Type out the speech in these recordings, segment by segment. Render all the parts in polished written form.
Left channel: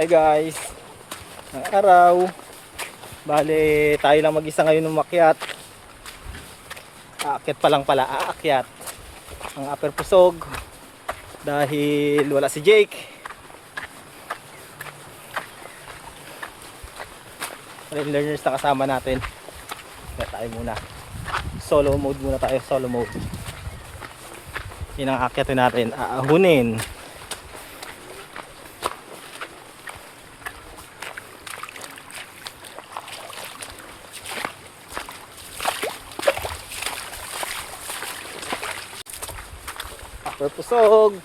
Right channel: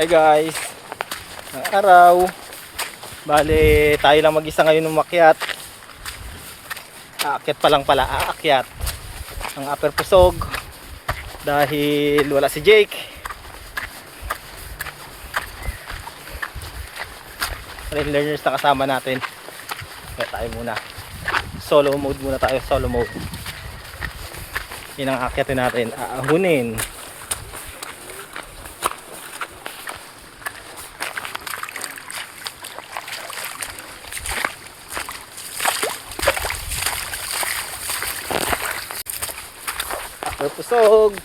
Hi guys, ng araw. Bale, tayo lang mag-isa ngayon umakyat. Aakyat pa lang pala, aakyat ang Upper Pusog dahil wala si Jake. Trail learners na kasama natin. Kaya tayo muna. Solo mode muna tayo, solo mode. Yun ang aakyatin natin, aahunin. Pusog.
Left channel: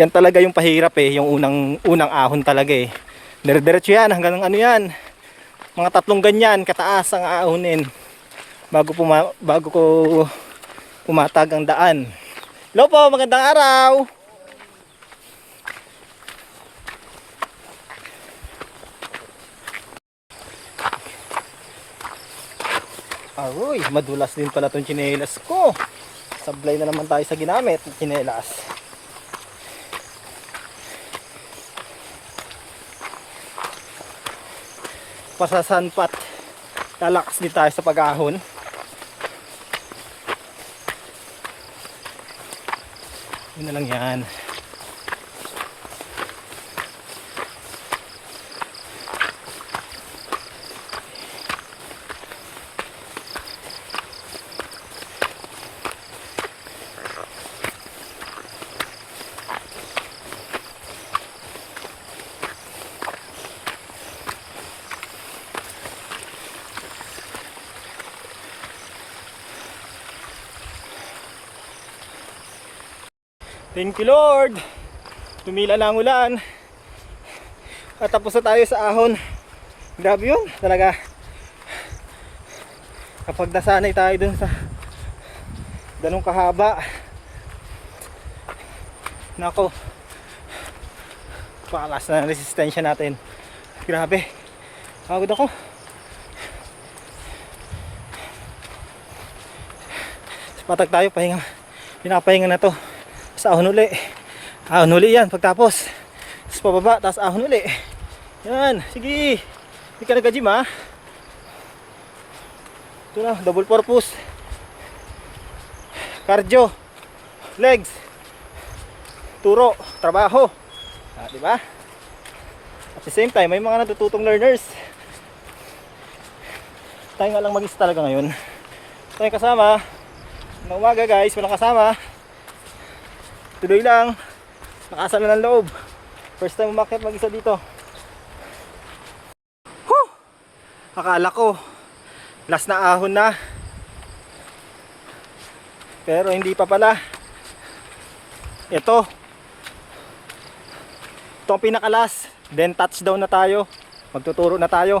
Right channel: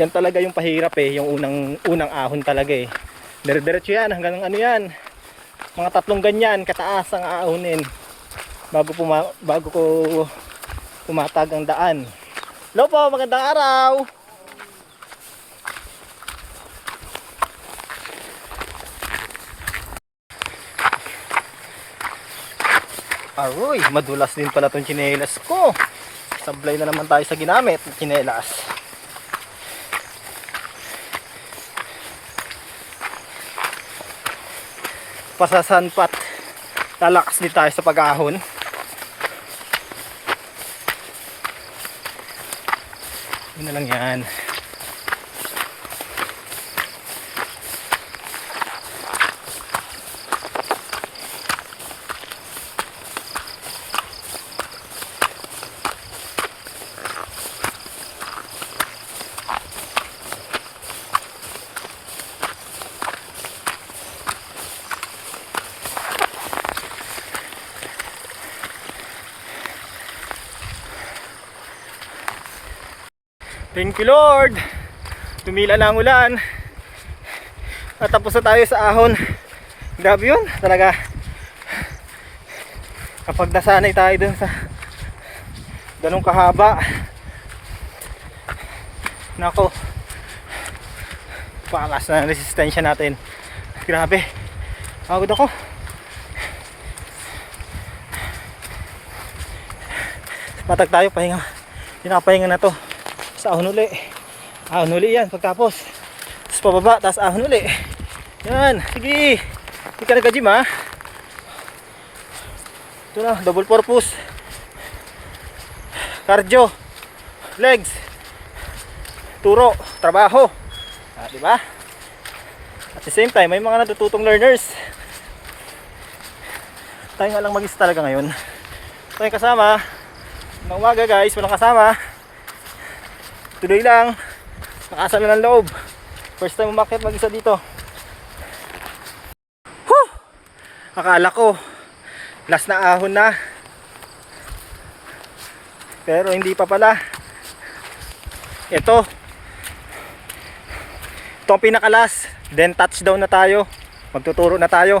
Yan talaga yung pahirap yung unang ahon talaga Dire-diretso yan hanggang ano yan. Mga 3 ganyan kataas ang aahonin bago ko pumatag ang daan. Hello po, magandang araw. Aroy, madulas din pala tong tsinelas ko. Sablay na naman tayo sa ginamit ng tsinelas. Pasasanpat. Lalakas din tayo sa pag-ahon. Yun na lang yan. Thank you Lord. Tumila na ang ulan. At tapos na tayo sa ahon. Grabe yun talaga. Kapag nasanay tayo dun sa ganong kahaba, nako, pakas na resistensya natin. Grabe, pagod ako. Patag tayo, pahinga. Pinapahinga na to. Sa ahon uli. Ahon uli yan pagtapos. Tapos pababa, tapos ahon uli. Yan, sige. Hindi ka nagka-gym ha. Ito na, double purpose. Cardio, legs, turo, trabaho. Diba? At the same time, may mga natututong learners. Tayo nga lang mag-isa talaga ngayon. Tayo kasama. Ng umaga guys, walang kasama. Tuloy lang. Nakasal na ng loob. First time umakyat mag-isa dito. Whew! Akala ko last na ahon na. Pero hindi pa pala. Ito ang pinakalas. Then touchdown na tayo. Magtuturo na tayo.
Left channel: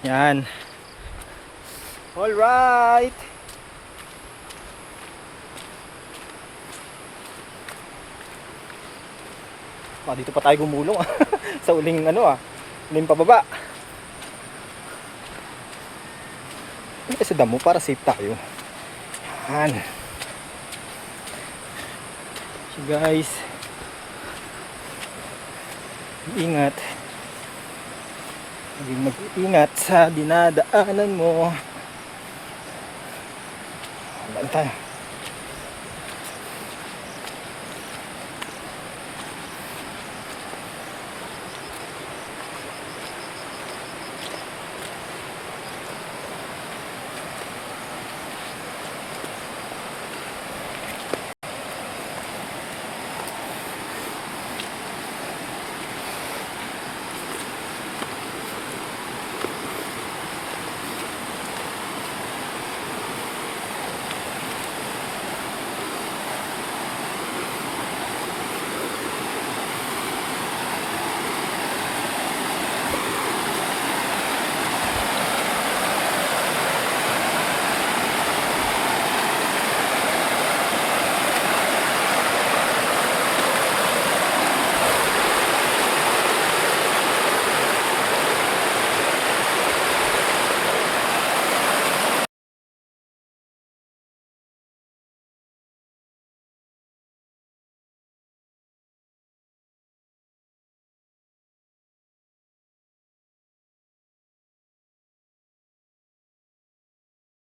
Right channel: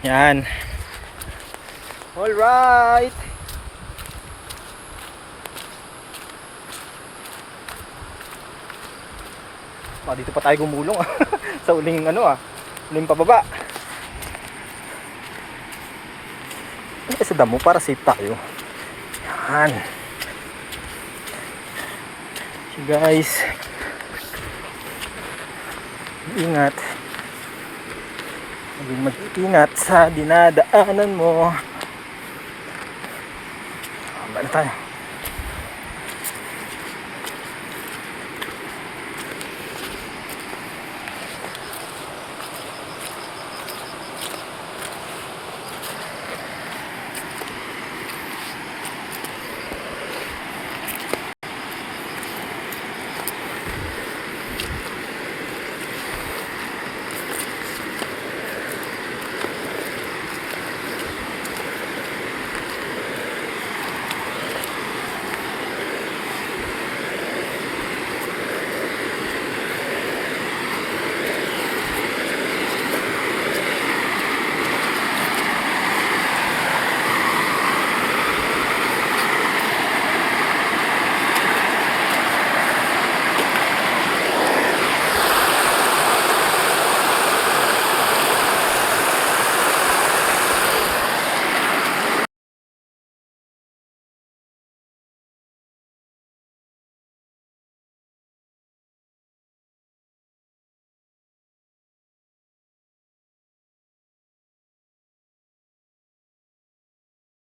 Yan. Alright. Dito pa tayo gumulong sa uling uling pababa. Sa damo para safe tayo. Yan. So guys, ingat. Maging mag-ingat sa dinadaanan mo. Haba na tayo.